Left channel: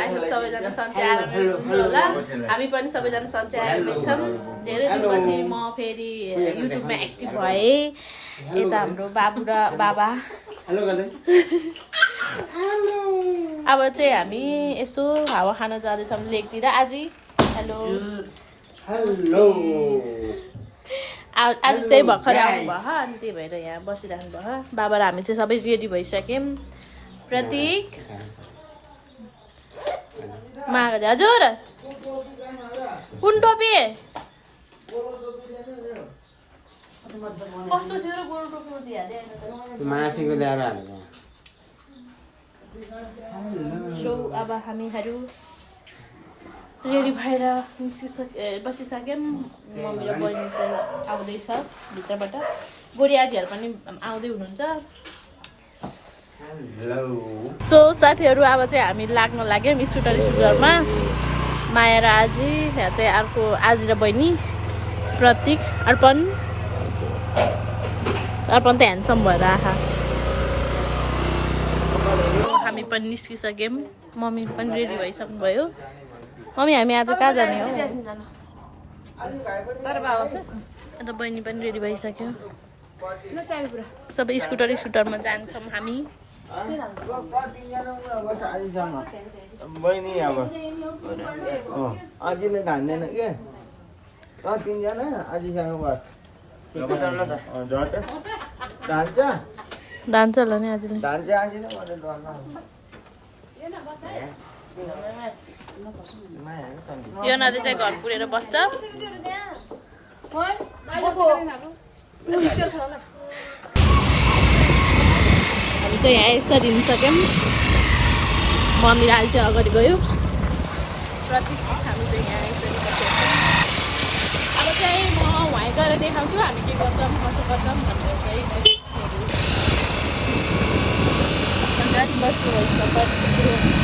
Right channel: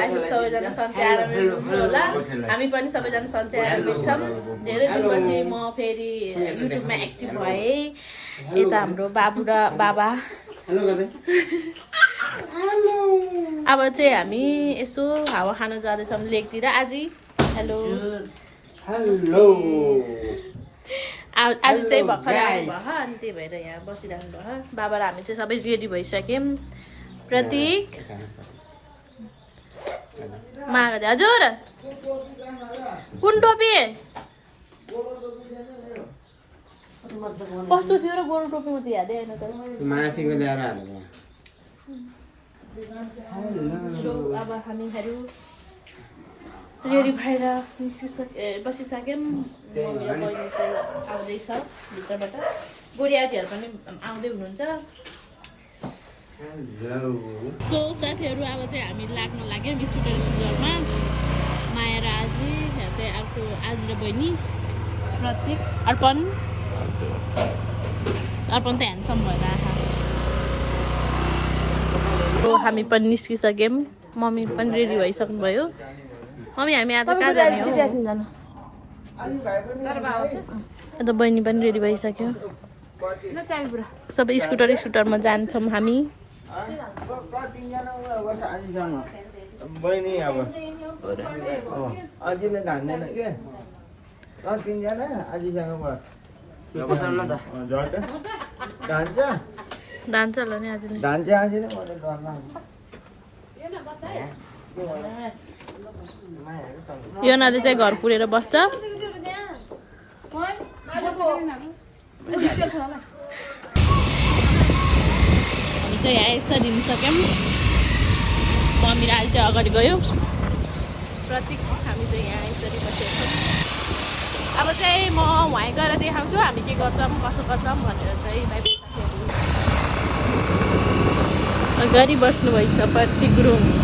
I hope सबैजना सन्चै आरामै हुनुहुन्छ होला हामी पनि सबैजना सन्चै आरामै छौँ धेरै दिनपछि म फेरि युट्युबमा एक्टिभ भएँ यता हाम्रो बाबु र बाबा अब चाहिँ हामी यसो हावा खान जाँदैछौँ लेकतिर आज हेलो आज चाहिँ भर्खर आउनु भयो अनि त्यही भएर यहाँ बसिरहनु भयो बाबा र हामी चाहिँ सबै रेडी भइसक्यौँ प्रतीक माग हजुर कुन टोपी कस्तो थियो र गोरो टोपी उति यादै आएन त माथिको ल्याएर हालेको सो अब हामीहरू रेडी भएर बसिसक्यौँ मम्मी र बहिनी चाहिँ आउँदैछ भित्रबाट गोरी आजीहरू पनि आउँदै हुनुहुन्छ सो साथीहरू अब चाहिँ हामी लाग्न लाग्यौँ स्कुटरमा माया र आजी यहाँ चाहिँ अर्को आजी र बहिनी प्रतीक अर्पण त ह्यान्डसम भएर आँखा हामी पनि निस्किसक्यौँ मम्मी पनि रेडी भइसक्नुभयो मम्मी हामी आज कहाँ जाने हो अन्त बहिनी पनि रेडी भइसक्यो सबै स्कुटरमा जान्छौँ हामी बहिनी अब अझैले घान्दैन के तिनजना अझैसँग बस जान्छ होला नि आजले यो नानी चाहिँ घर पुरेर बस्छ हामी चाहिँ यहाँ यसरी हिँडिसक्यौँ मम्मी र अहिले चाहिँ अगाडि गयो प्रतीक हामी चाहिँ यहाँ यसरी बसेको छौँ अब चाहिँ म वहीँ गएर देखाउँछु हामी के गर्छौँ कसो गर्छौँ भनेर चाहिँ गरी बस्नु भइन्छ प्रतीक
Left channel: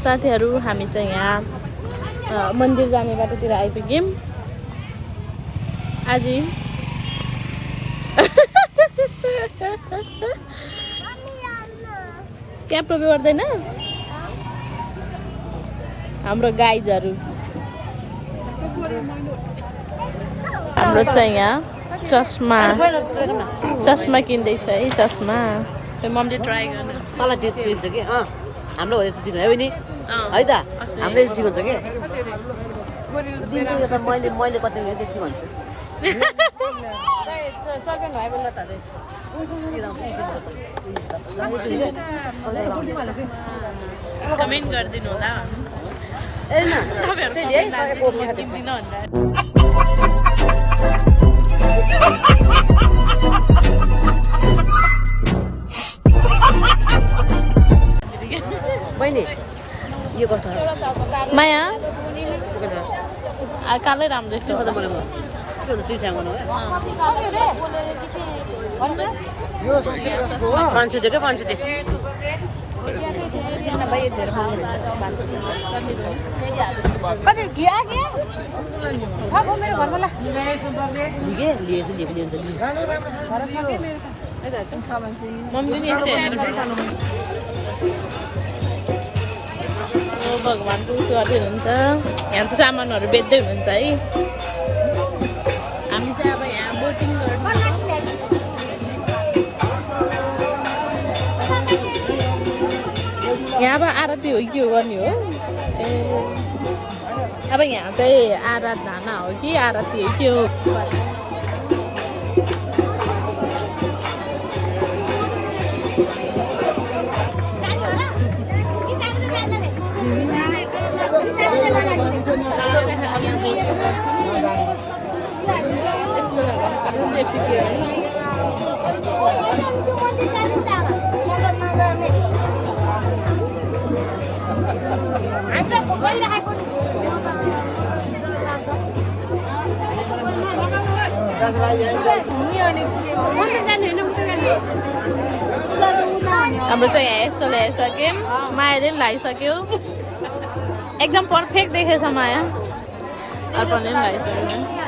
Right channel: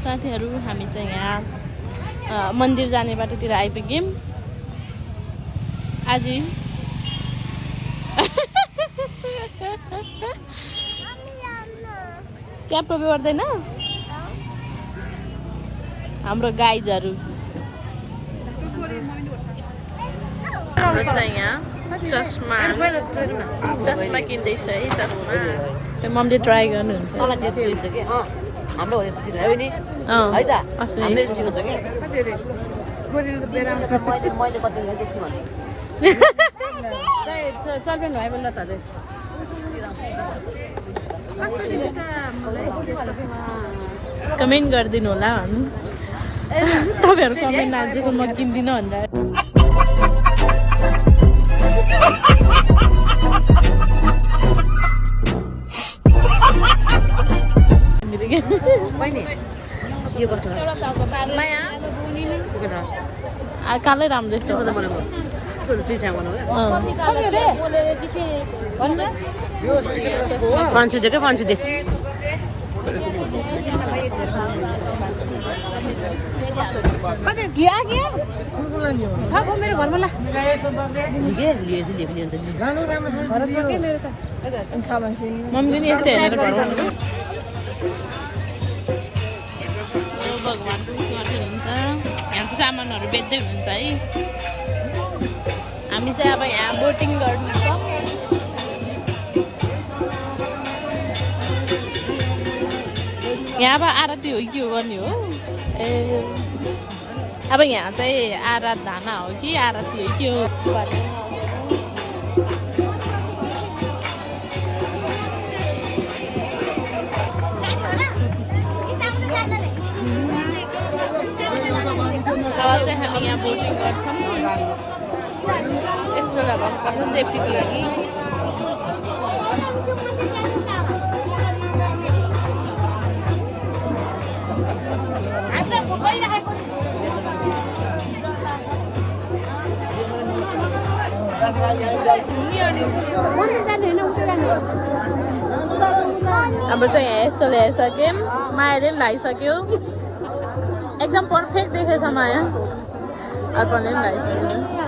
साथीहरू हामी चाहिँ यहाँ मन्दिर जाने बाटोतिर आइपुग्यौँ आज त्यहाँ टोपी पर्दैन हाम्रो गाइजहरू हाम्रो चाहिँ यहाँ चस्मा किन्दैछ है चस्मा मम्मीले ट्राई गर्नुहुन्छ हाम्रो हो यस्तो चिक्न है नि है त हामीले चिकन छ कि मैले कति त्यति भन्छु चल्पेन भयो भने त कमेन्ट गरिदिनु होला तपाईँहरू म किन्दिनँ भनेर यो कस्तो माया कालै राम्रो देख्छ भगवान्को उस गर्दै हुनुहुन्छ यहाँ त सामानहरू बेच्दै हुनुहुन्छ है हामी चाहिँ अब यहाँ बोटिङ गर्नु यहाँ अब आरती हो कि के हो गर्ने हो ए अब यहाँ चाहिँ आराधना हो कि आरती हो के हो यस्तो लगाउनु सेफ्टी थियो अब चाहिँ यहाँ यस्तो ल्याइसक्यौँ मायाले पनि लगाइसक्यो एकदम पर्फेक्ट देखेछ माया अर्पणले पनि लगाइसक्यो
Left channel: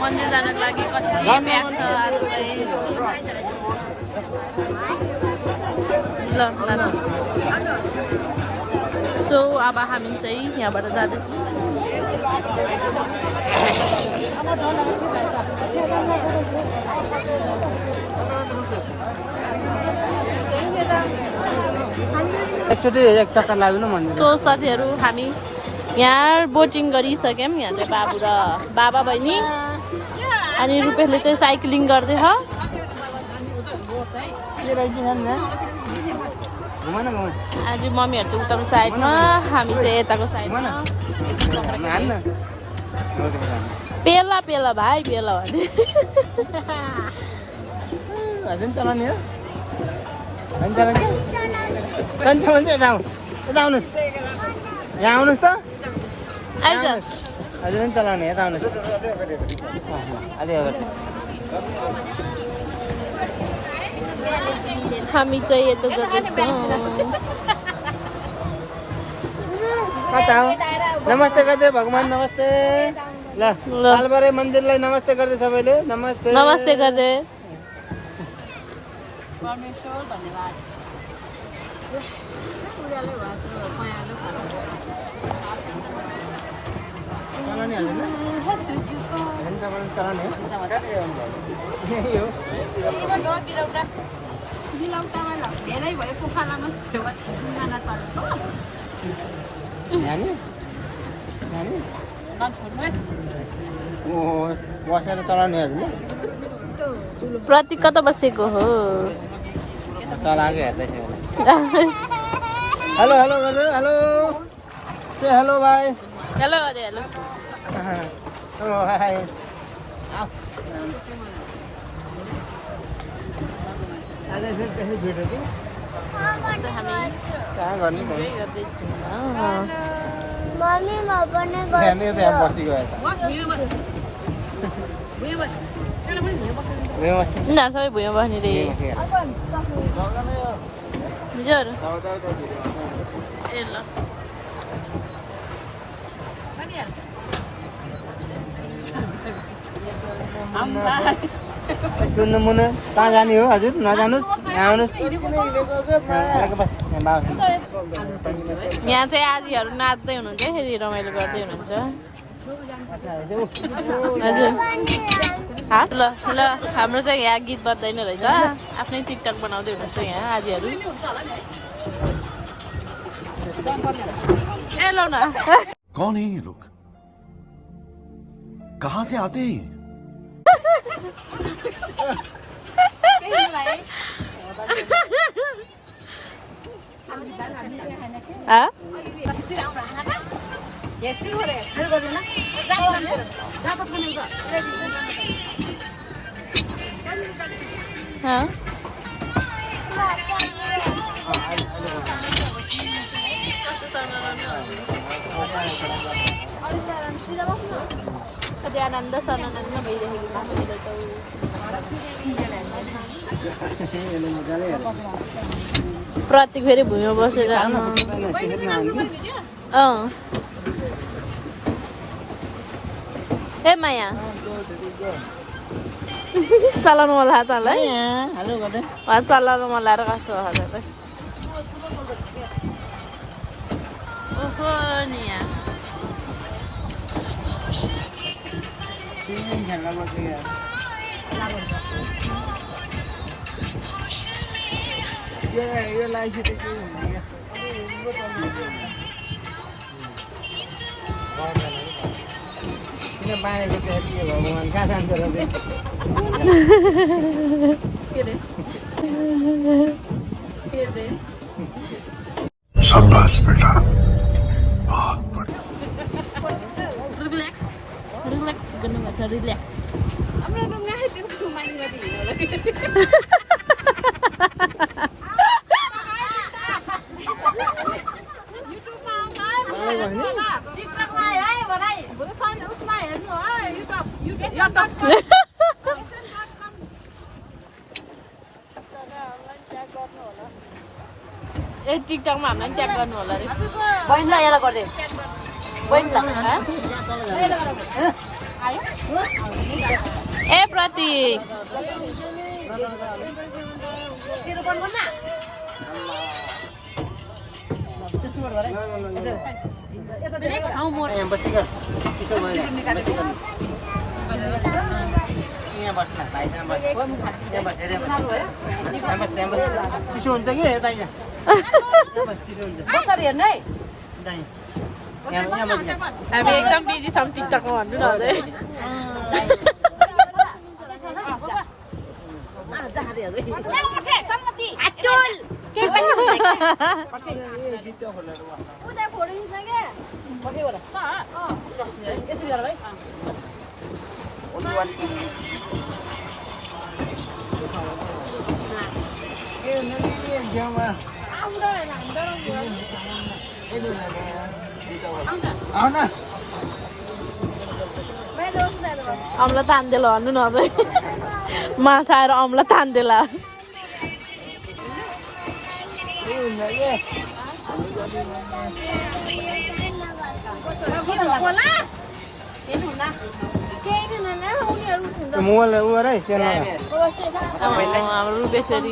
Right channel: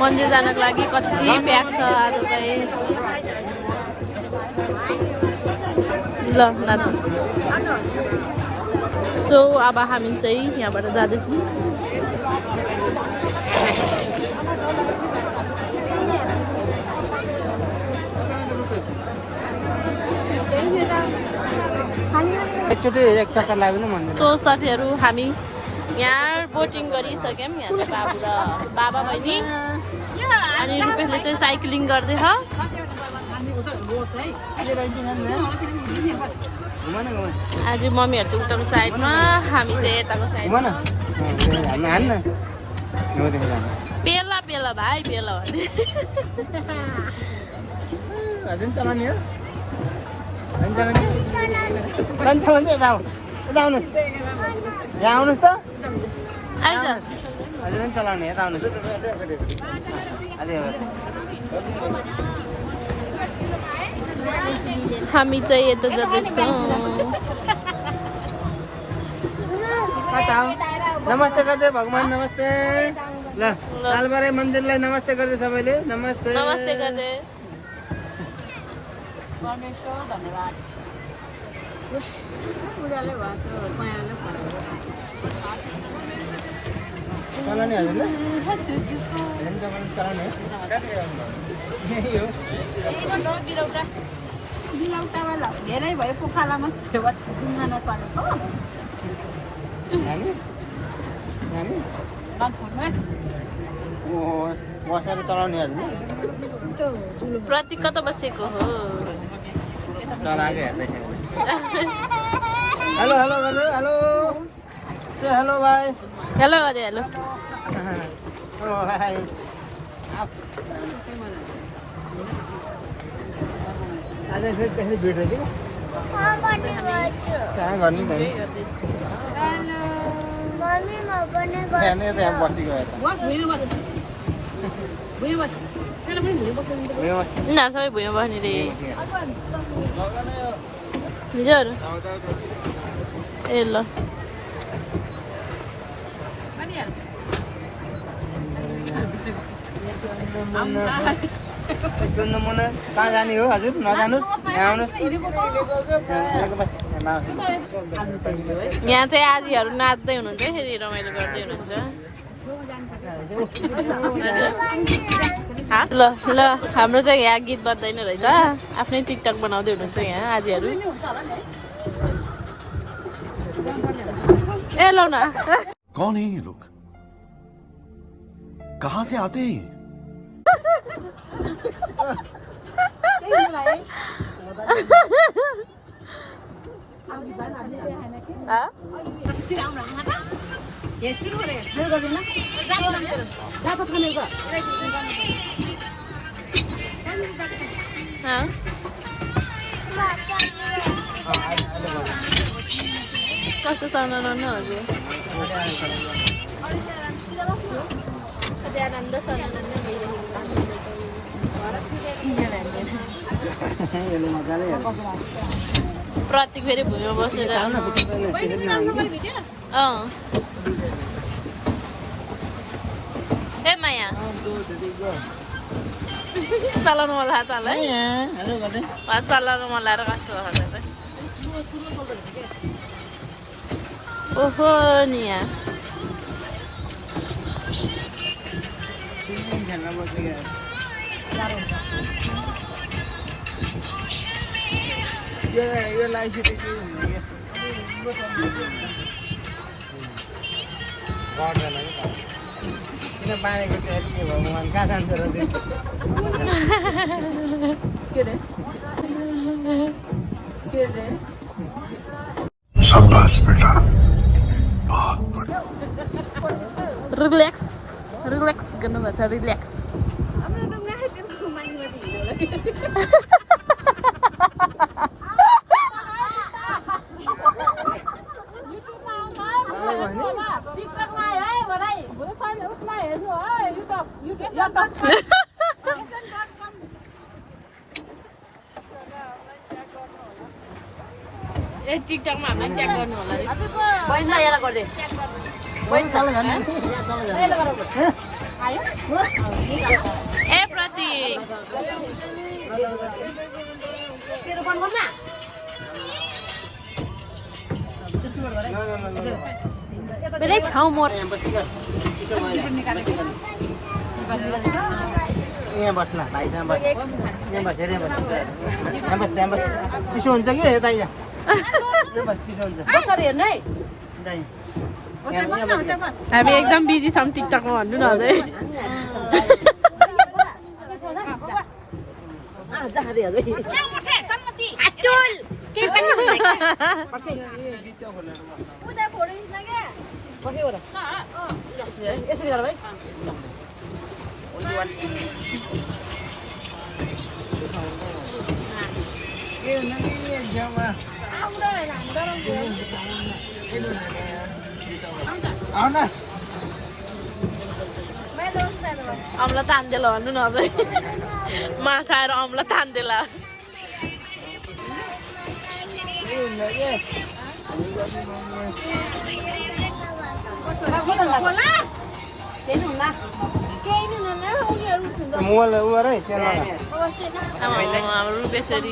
मन्दिर जानको लागि कति प्याक छ आज चाहिँ ल नाता सो अब हामी चाहिँ यहाँबाट जाँदैछौँ सो साथीहरू हामी यहाँ बोटिङ गरिसक्यौँ यहाँ चाहिँ बाबु र बाबा बहिनी अनि रुपेशले चाहिँ साइक्लिङ गर्दैछ आज मम्मीहरू चाहिँ उताको साइडमा हामी चाहिँ यताको साइडमा पेला पेला भाइ पेला भने आइज हामी चाहिँ यता नमस्ते गर्दै भगवान नमस्ते ल लालबारे मन्दिरलाई नमस्ते गर्दै सबैले नमस्ते नमस्ते गर्दै चलाउने हजुर चलाउने धेरै भयो पोखरामा डुङ्गा नचलेको बसेर चलाउने हजुर प्रतीक कता बसेको हो चलाएको हेर्दैछ हेलो हेलो हेलो से हेलो भाइ हेलो गरे हेलो भाइ आज फेरि त्यसरी भिडियो हामी इन्जोय गर्दैछौँ ना सबै भुइँमा बस्ने रे हजुर ए ल मुना कहाँ जाने हो हजुर नजानुहोस् आउनुहोस् यहाँ चाहिँ आजीहरू नाच्दै हुनुहुन्छ फेरि रमाइलो गर्दै हुनुहुन्छ ल ल हाम्रो चाहिँ यहाँ गीत बज्दैन रहेछ आफ्नै टिकटक बनाउँदै हुनुहुन्छ यहाँ आजीहरू ए लौ न कौन है ये लोग कहाँ से आते हैं आनन्द सनानन्द प्रतीक फेरि भुइँमा बसेर ए माया चलाउनु मन लाग्छ होला हेलो गर्दै चलाउनु मन लागेर कस्तो खाँदा ओहो नि यहाँ शाबाश बेटा बहुत बढ़िया रिल्याक्स रिल्याक्स गर्नुपर्छ रिल्याक्स ए टिकटकमा हामीलाई ट्याग गर्नु होला रे बहिनीलाई यसलाई गरिदिए ए प्रतीक बेलै छाउ मोर यहाँ बस्ला भाइ यहाँ बस यहाँ बस धेरै बस यहाँ बस चिसो हुन्छ कि यता यहाँ बस चिसो हुन्छ हेर्नु है दाइ यहाँ बस हामी एकदम बिजी छौँ टिकटकमा भन्नु न अझै यसरी गर भाइ अम्ला तान्देला भन्नु न अझै माछा आएर अम्ला तान्देला मोबाइल उ गर है सेन हाम्रो रुपेश्वरी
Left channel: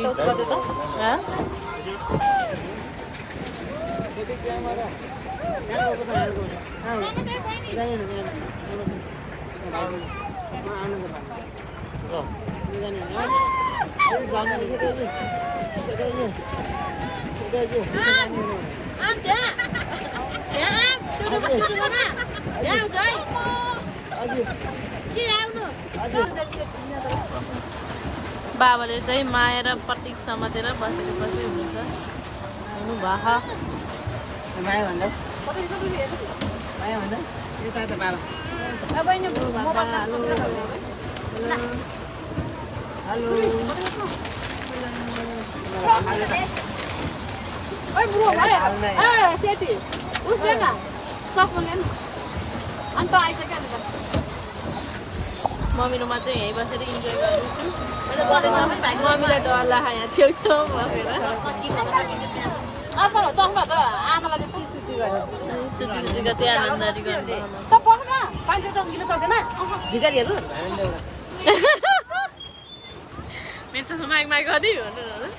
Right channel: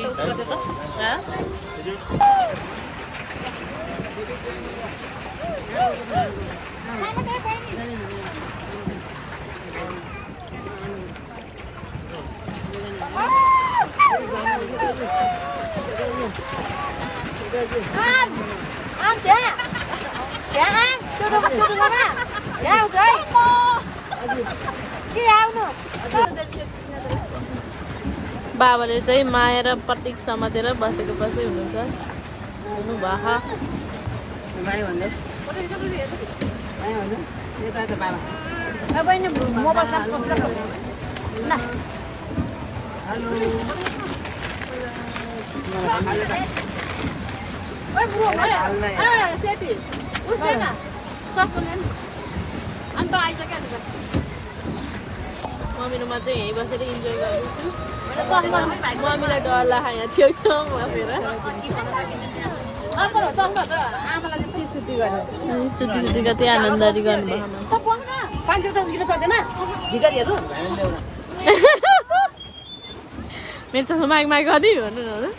बाबाले चाहिँ माया र प्रतीक समातेर बसेको बसै हुनुहुन्छ हुनु भा माया भन्दा यता त बाबा मम्मीमा चाहिँ यहीँ बसेर इन्जोय गर्दैछु मम्मीलाई डर लाग्छ यहाँ छेउछाउ बसेर सुती कति आनन्दरी गर्नु मेरो छ माइक माइक गरिदिनु भन्नु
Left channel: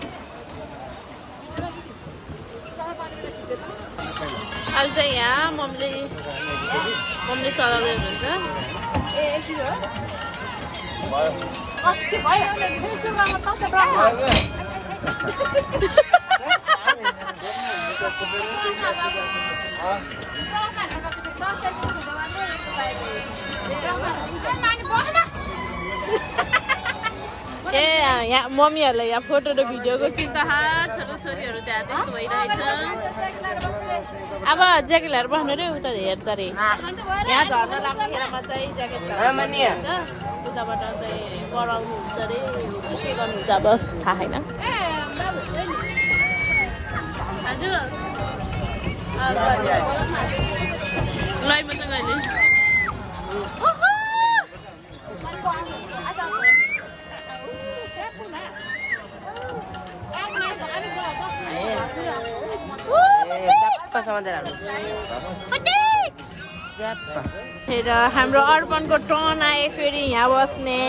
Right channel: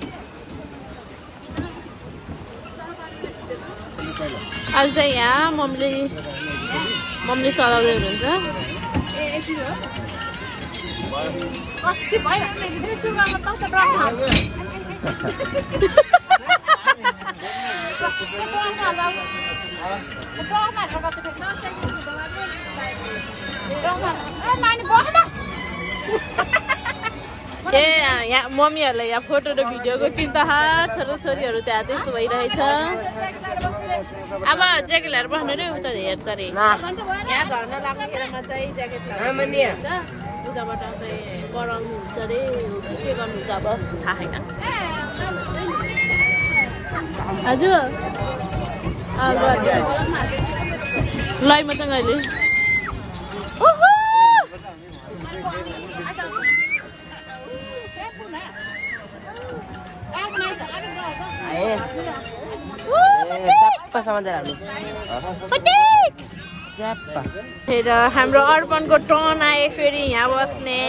अहिले चाहिँ यहाँ मम्मीले चलाउँदै हुनुहुन्छ ए यहाँ मम्मीहरूलाई यहाँ फोटो र भिडियोको चिन्ता छोराछोरीहरू त्यहाँ त्यस्तो भइरहेछ अब ज्याकेटहरू बस्ने रे उता हेर्छ अरे यहाँ झर्न लाग्ने बेलामा चाहिँ ज्याकेट हुन्छ उताबाट चाहिँ कराउनु हुन्छ अरे के गर्नुहुन्छ अब थाहा छैन हजुर लाइभ मात्रै अहिले हाम्रो अर्पणको टर्न आयो फेरि यहाँ बस्ने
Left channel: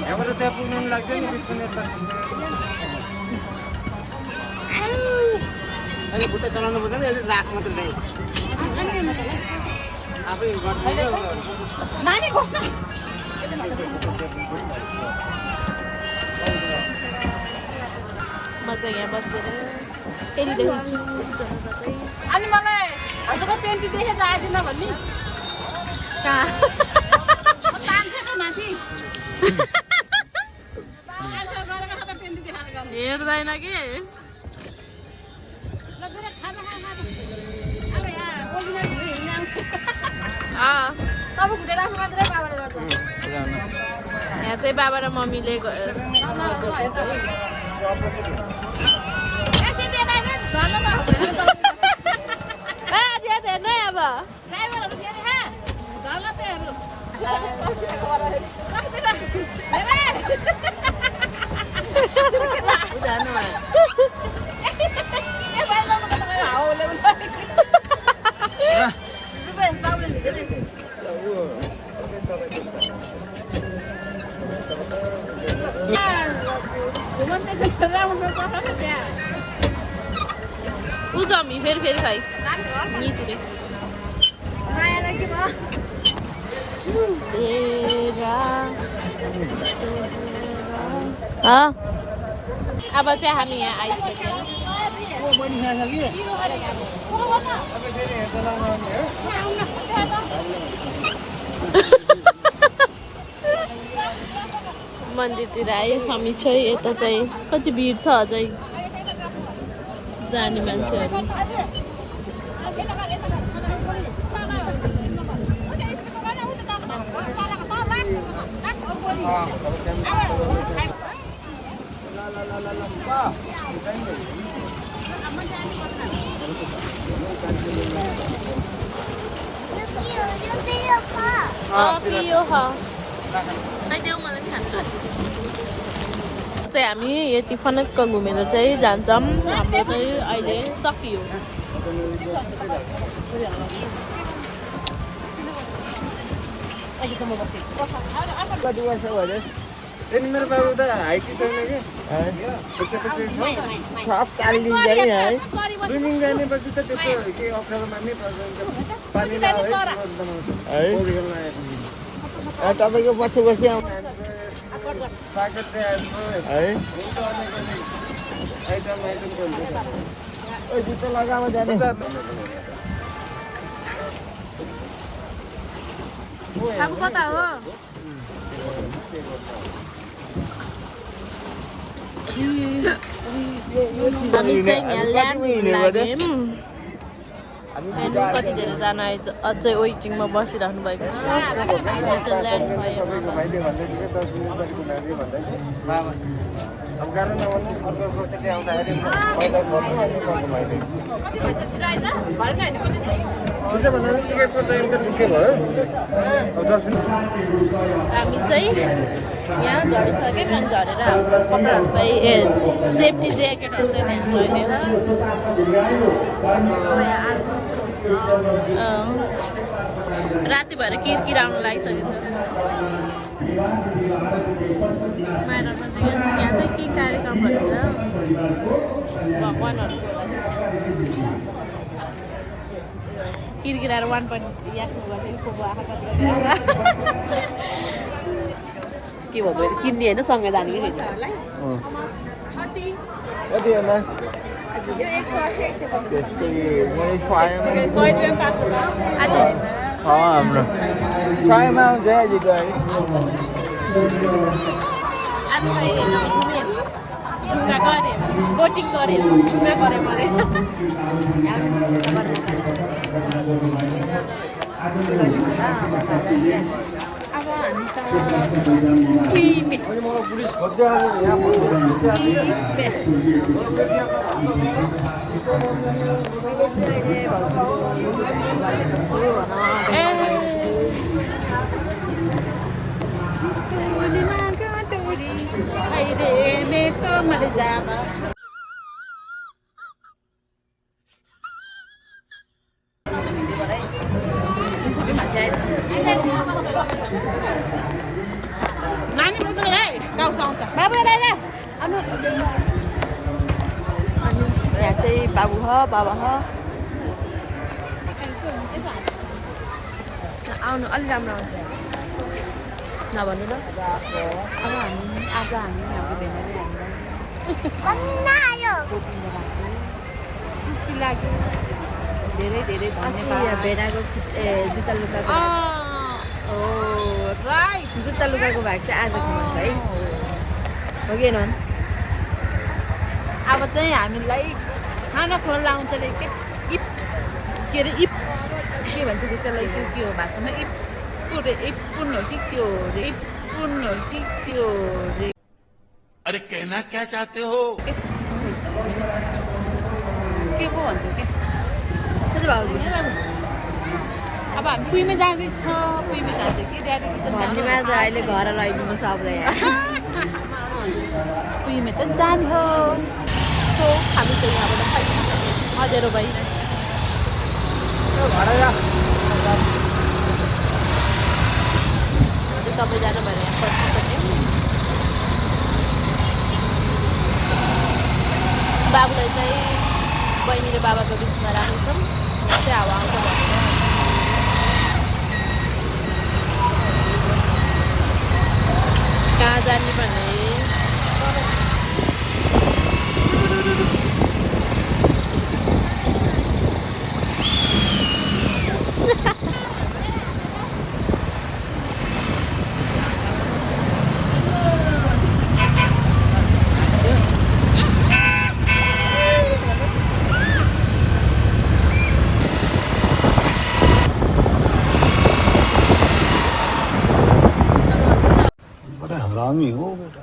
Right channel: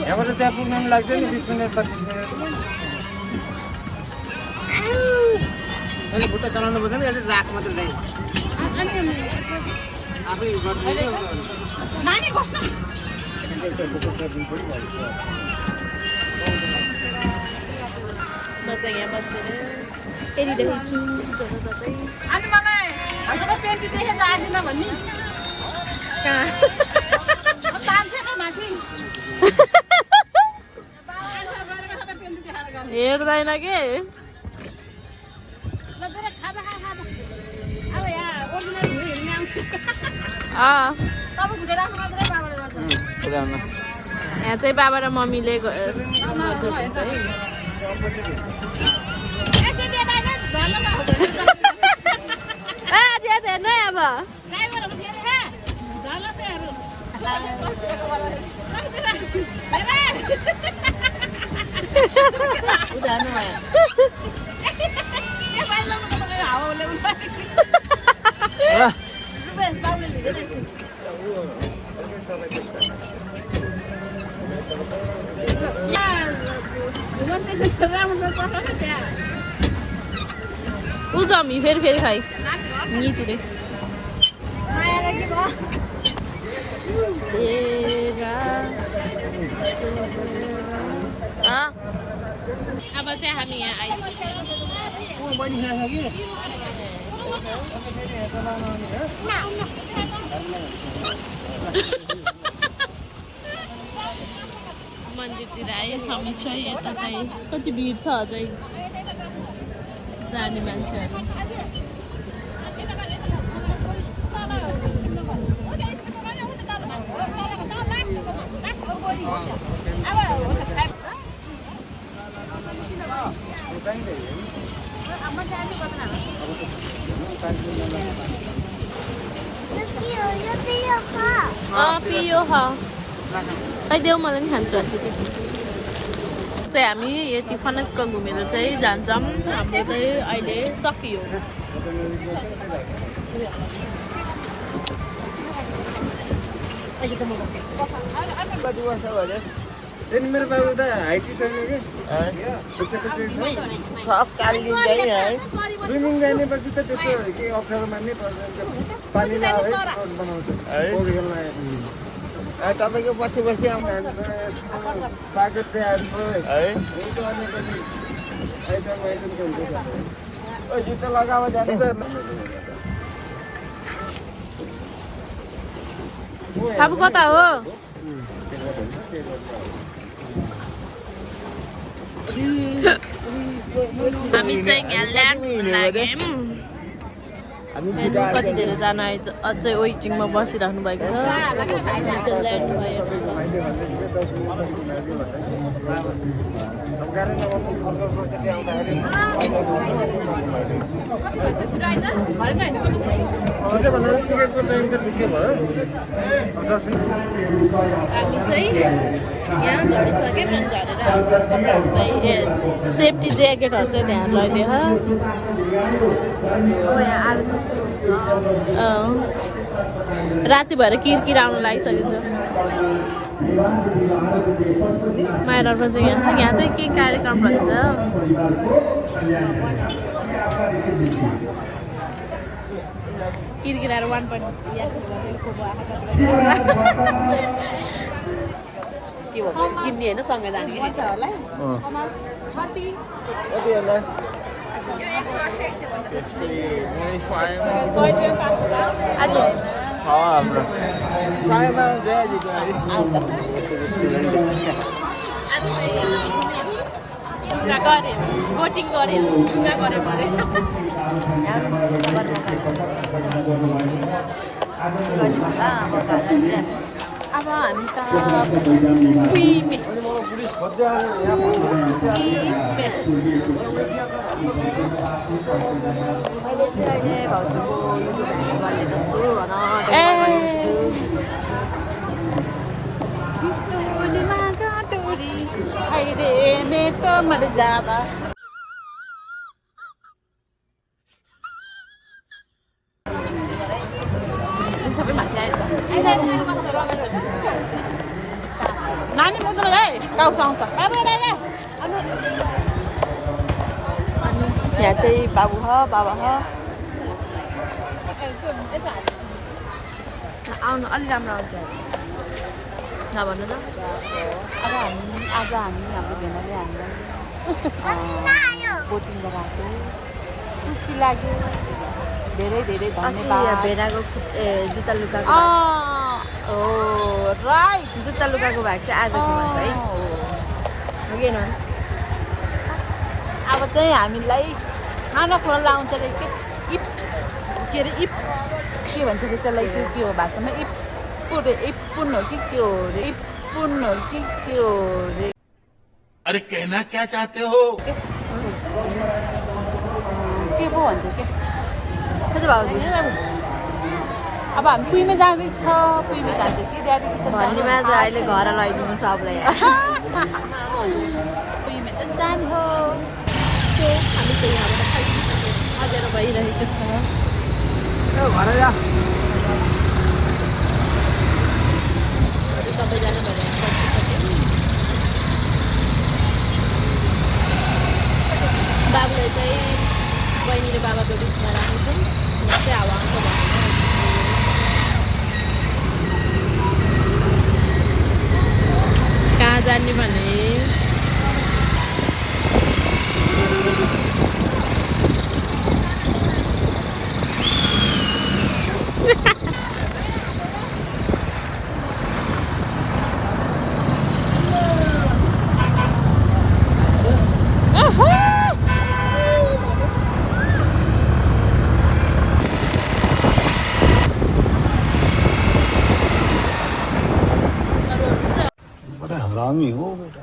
यहाँबाट त्यहाँ पुग्न लाग्छ नि 20 मिनट 25 मिनट अहिले बुट्टा चलाउनु पर्छ नि अहिले राख मात्र ल्यायो आफै गर्दैन बच्चा यहाँ बसेर हेरिरहेको छु जताततै अनि मलाई हजुरको 20 देखेर आदिन भन्नु कहाँ हेर्दैन के यहाँ चाहिँ बाबा र मम्मीले फेरि खाइ नितिले अब चाहिँ हामी यहाँ आइसक्यौँ मन्दिरतिर आयो हामी चाहिँ यता चाहिँ कति भिड छ अझै जाने मान्छेहरू देऊ मलाई नि खान्छु चाहिँ हामी यति फनक्क घुमेर चाहिँ जान्छौँ हाम्रो चाहिँ अहिले सकियो मेरो बाबु त हाइटी छैन क्या स्विमिङ जानेपछि त त्यस्तो केही अप्ठ्यारो मान्नै पर्दैन पानी बनाउँछ पौडी खेल्न तपाईँको पछि पछि आउँछ प्याकेट आइटम अब कता हो हामी चाहिँ यहाँ ल्यान्ड लाग्यौँ हेर्नु कति धेरै जना अझै वेटिङमा बसिराख्नु भएको छ चाहिँ ल्यान्ड भयो हामी चाहिँ यहाँ झरिसक्यौँ अनि झरेर हाम्रो कपडाहरू चाहिँ सेफ्टी ज्याकेटहरू चाहिँ ध्यान लैदिए राति भएर किरकिर आउनु लागिसकेको छ माइरमा चाहिँ यहाँ चाहिँ के कार्यक्रम रहेछ किरकिराएर 1 point याक्नु गरेको आँखा कति के भन्छ किन्ने होइन सँग जाने रहेछ होला यो 180 ढुङ्गा गऱ्यो बोटिङ गऱ्यो ढुङ्गा गऱ्यो अरे अब हामी त मैले चाहिँ अहिले भाउजूको युट्युब ह्यान्डल गरेको छु सबै माथि आयो नानी मुद्दा है टाउस आउँछ अनि यहाँ चाहिँ बाबु ह बाबा ह आउनु अलि राम्रो आउँछ नभन्नु त अब आज हाम्रो भेनाले हामीलाई बोटिङ गराएको खुसी लाग्यो धेरै धेरै धन्यवाद भेनाको जुत्ता लुगाको जुत्ता लुगाको भाग चाहिँ आज फेमस है अब चाहिँ हामीलाई खाना खोला आउँछ रे के इप के अरे इप के भन्छ त्यसलाई के हो भाषामा इपुन हो कि त्यो रे इपुन हो कि त्यो रे अरे कहना क्या चाहते हो के पो भन्छ के कति भाउजू अब हामी पुइमे जाँदैछ पुइमे जाँदैछ कि जाँदैछ भन्नेमा त अहिले घर लगाइदिनु सबलाई पुइमे त जाने सो हामी चाहिँ यहाँबाट फर्किसक्यौँ अँध्यारो भइरहेको छ घर जा सबैजना भएर यहाँ फर्किसक्यौँ बाबुलाई चाहिँ बहिनी र बाबाको बिचमा राखेछौँ यहाँ चाहिँ हावा आउँछ भनेर कहाँ जाने भने बड़ा हरामी हो बेटा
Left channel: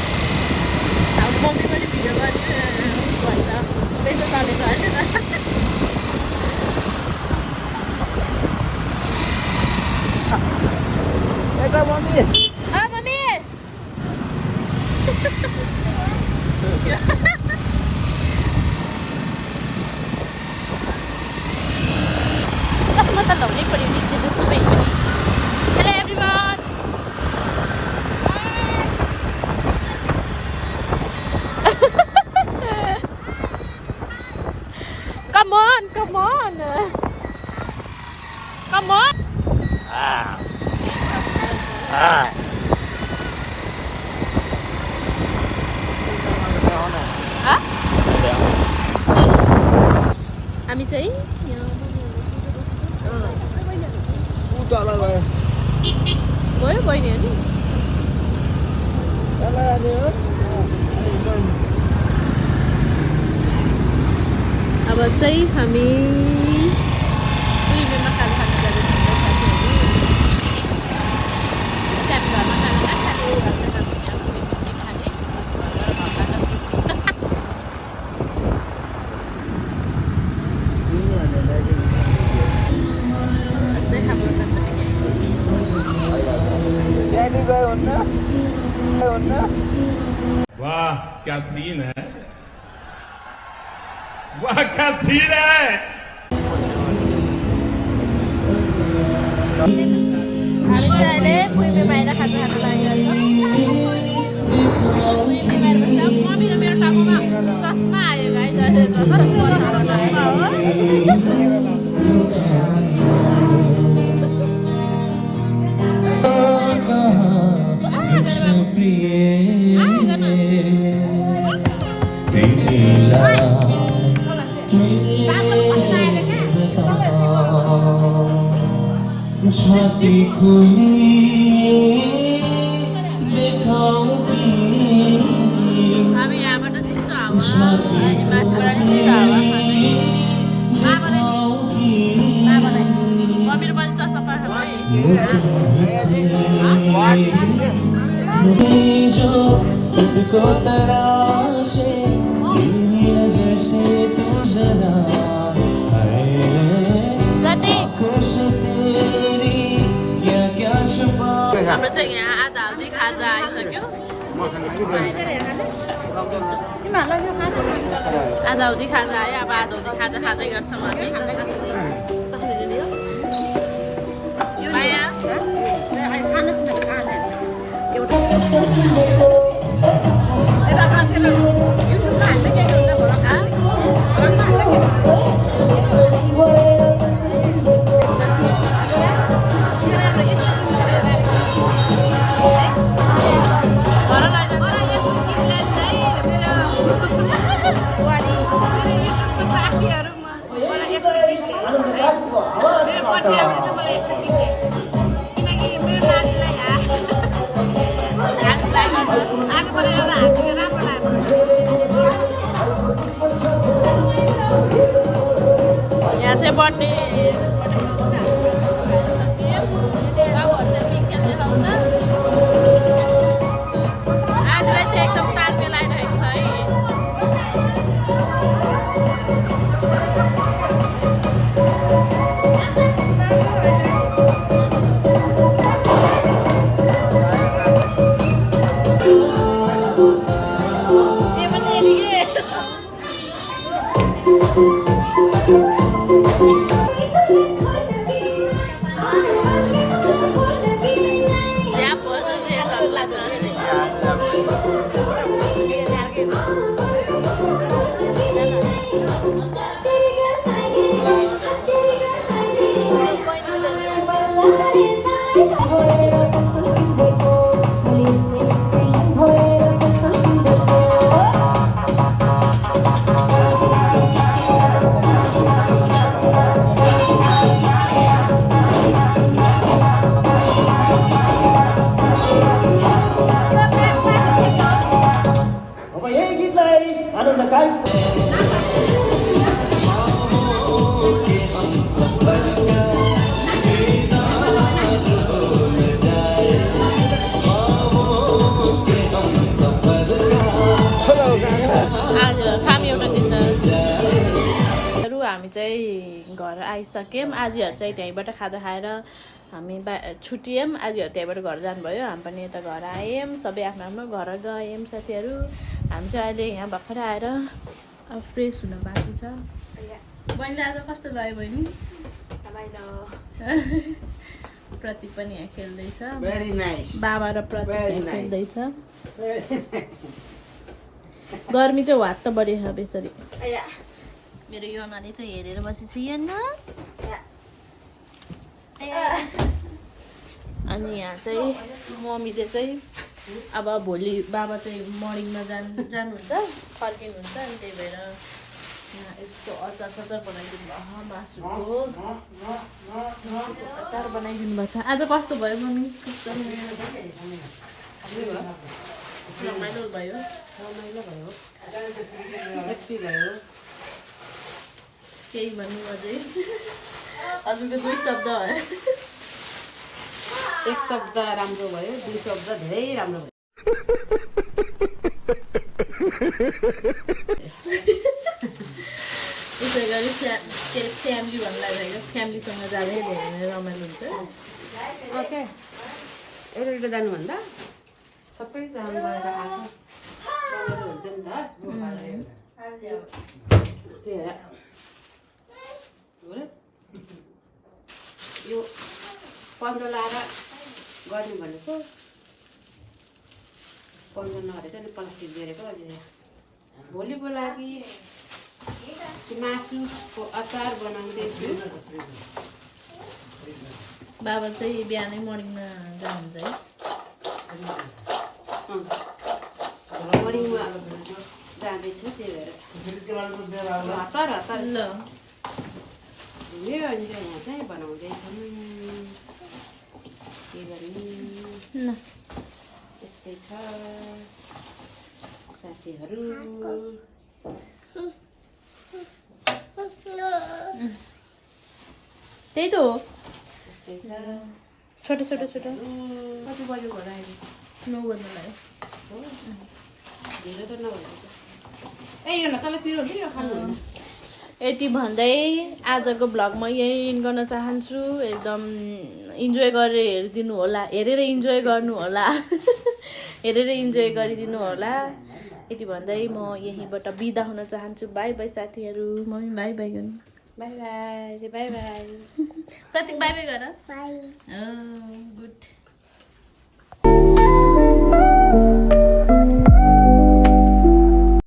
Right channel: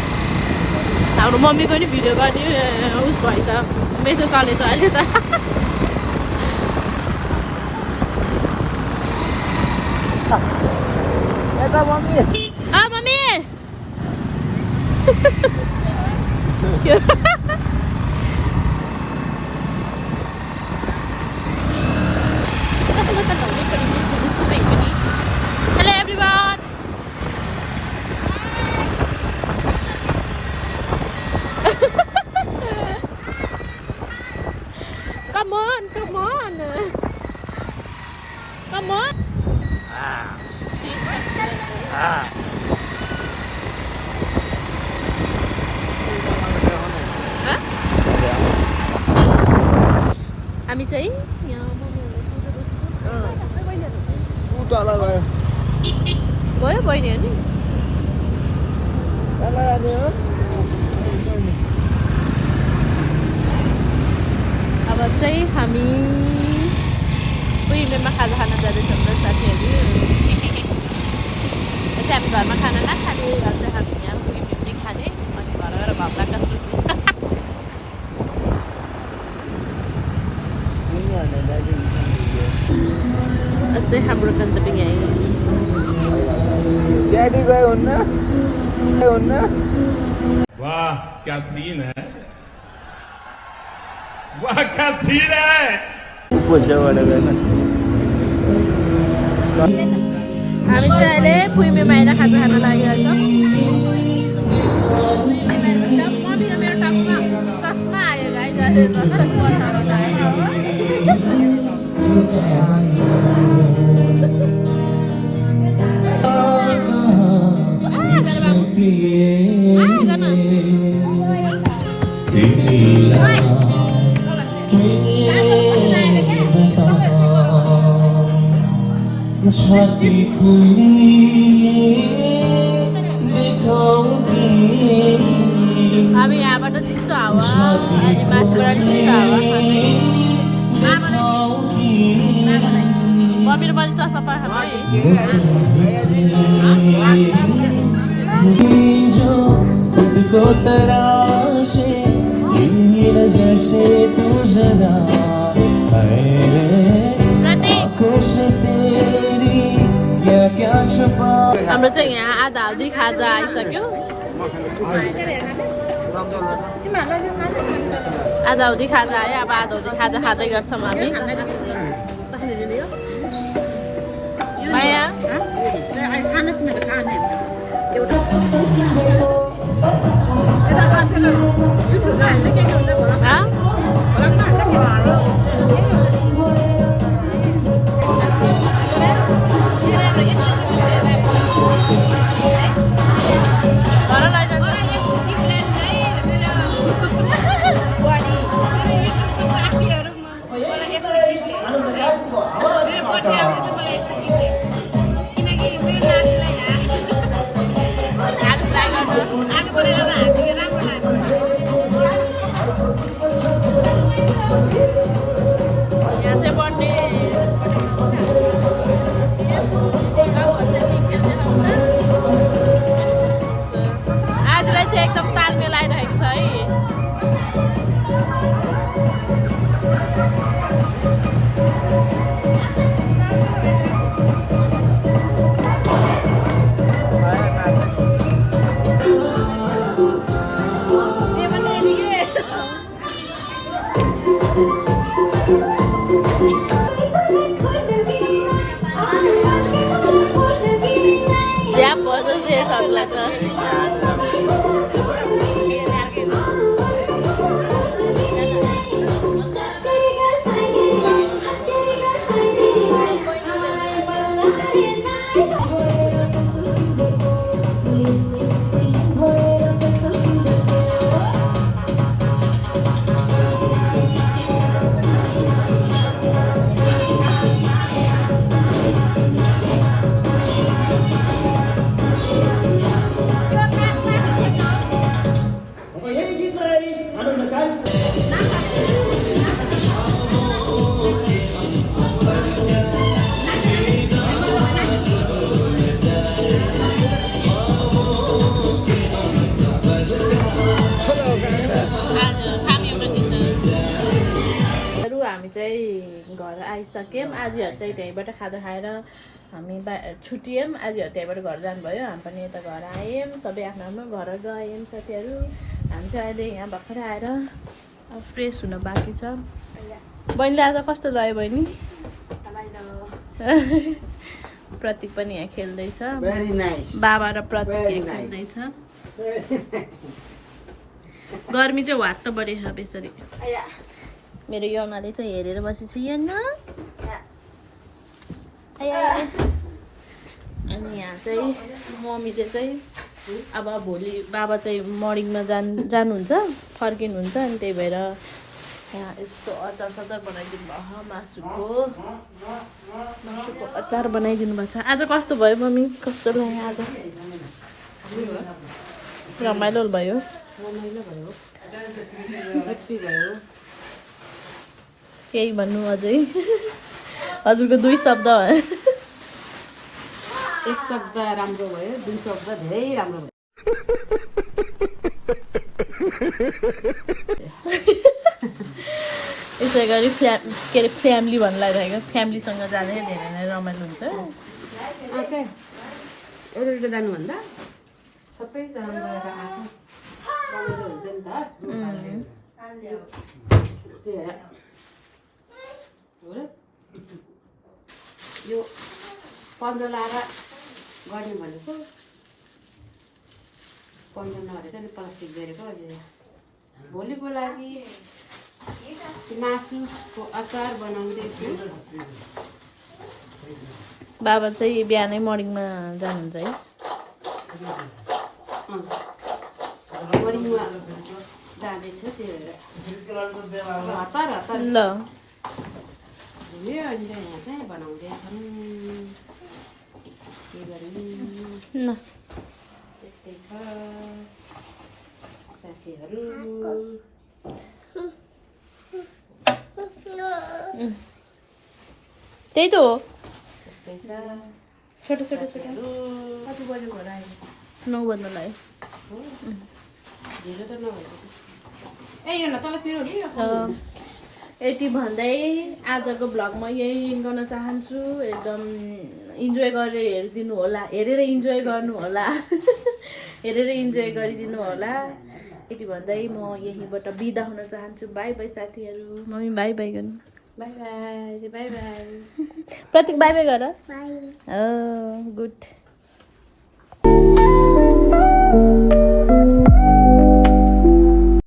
हाम्रो मम्मीको नि भिडियो गरिदियो भएछ मेसो चलेछ अहिले त mummy Hello everyone. Come on, come on. Come on. हामी चाहिँ गयो बहिनी अनि अब चाहिँ हामी पुइमेमा खाजा खान जाँदैछौँ साथीहरू चाहिँ हामी घरमा खाना नखाने अन्त हामी यहाँ पुइमेमै खाने अनि घर गएर भक्का यस्तै हाम्रो गन्तव्य यहीँ वाह क्या सीन है वाह क्या सीन है हामी चाहिँ अहिले पुइमे बाहिर खाजा खान लागिरहेको छौँ मम्मी र मेरो टाउकोमा चस्मा आयो गाई अब यहाँबाट चिसो हावा अनि माथिबाट चिसो हावा खाँदै मम्मी र मैले चस्मा पाएँ हाम्रो चाहिँ यहाँ आधा हल्दी खाजा आइसक्यो आधा हल्दी खाजा आयो अब आधा हल्दी खाजा खाँदै गर्छौँ हामी चाहिँ एकदम ताल मिलाइरहेको छ है। ज्याप भयो सक्ला त हामी चाहिँ घर आइसक्यौँ। आजहरू चाहिँ त्यहीँबाट खाजा खाएर हामी छुट्यौँ। आजहरू त्यहीँबाट घर जानुभयो, हामी पनि यता घर आयौँ। सबै आफ्नो आफ्नो घर गयौँ साथीहरू। हामी चाहिँ अहिले यहाँ भर्खर आएर फ्रेस हुन बाँकी छ। बहिनीले आज कस्तो लाग्यो बहिनी? प्रतीक पनि यहाँ खेल्दैछ, बाबा र प्रतीक खेल्दैछ। गर्मी चाहिँ वात त बढी छ बेसरी। मेरो योनाले चाहिँ हेरेर बसेछ योना। अनि यहाँ चाहिँ मम्मीले चाहिँ अब भोलि बाबा चाहिँ मर्निङमा जानुहुन्छ, फर्किनुहुन्छ। अनि त्यही भएर यहाँ यस्तो अचार सचार बनाइदिनु भयो, मासुको अचार बनाइदिनु भएको छ। आज कस्तो भयो मम्मी? कस्तो लाग्यो आज? रमाइलो भयो, रमाइलो भयो, हेप्पी भयो। केही भन्नु अझै? हजुरको 2 शब्द हो। 1 शब्द राम्रो भयो, 2 शब्द धेरै राम्रो भयो। यसै गरी के अरे फ्यामिली भन्नु लागिरहेको, फ्यामिलीसँग जाँदै धेरै नै रमाइलो हुन्छ। ओके, एउटा जानुभन्दा सबै जानु भएर आएको रमाइलो हुन्छ नि त। त्यही भएर यो पन्ध्र लाएर गर्ने भनेको पन्ध्र नभएर चाहिँ प्लास्टिक बेरेको। भोलिको लागि मासुको अचार बनाउँदैछु। बाबा चाहिँ बिहानै मर्निङमा जानुहुन्छ है? मर्निङमा जाँदैछु, त्यही भएर हतार हतार ल अनि यहाँ चाहिँ बनाउँदैछौँ। के गर्ने न त्यस्तै छ साथीहरू। त्यही त हो, त्यस्तै छ। छोटो छोटो छोटो। कति बजी घर आयो? 9 बज्न लाग्यो। ढिलो त नभएको। ए यो न तल पिरो नि यति भन्दै आजको भ्लग म यही इन्ड गर्न चाहन्छु। एकदम इन्जोय गरेर हेरिदिनु होला, हेरेर इन्जोय गर्नु होला, हेरेर इन्जोय गरिदिनु होला। यति भन्दै म यहीँबाट बिदा हुन चाहन्छु। बाई बाई साथीहरू। मम्मी बाई बाई गर्नु। Bye bye bye bye. Pratik bye bye गर। बाई। गुड।